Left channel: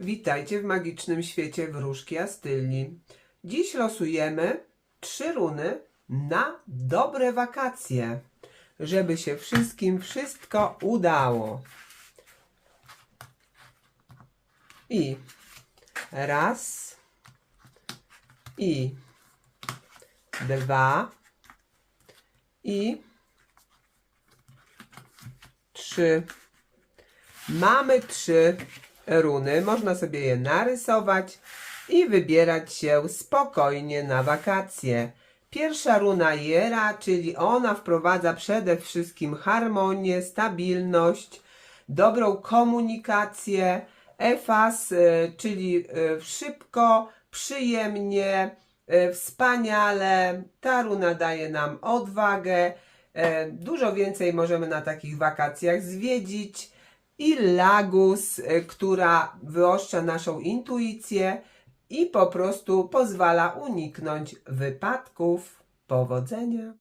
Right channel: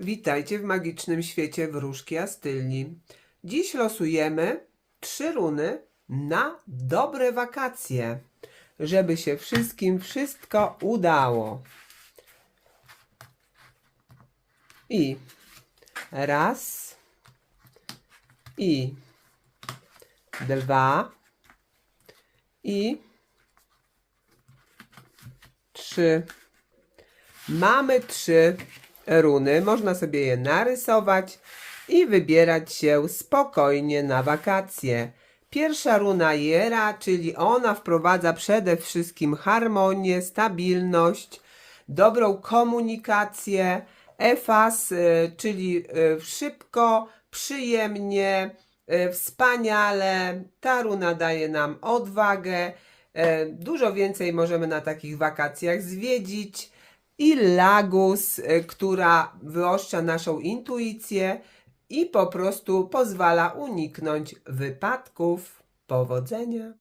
Witajcie w magicznym świecie wróżki Astylni. Dziś losujemy trzy runy na dobre wakacje, żeby się wszystkim wszystko udało. I raz, i dwa, i trzy. Mamy trzy runy, można sobie je narysować i wybierać się spokojnie na wakacje. Pierwsza runa Jera, czyli ona wprowadza przede wszystkim harmonię, stabilność, dobrą komunikację. Efas, e, czyli e, szybko, przyjemnie, e, wspaniale. Ta runa daje nam odwagę. Dużo więcej możemy na takich wakacjach zwiedzić. I Lagus, e, która wyoszcza naszą intuicję i po prostu pozwala uniknąć wypadków. Powodzenia!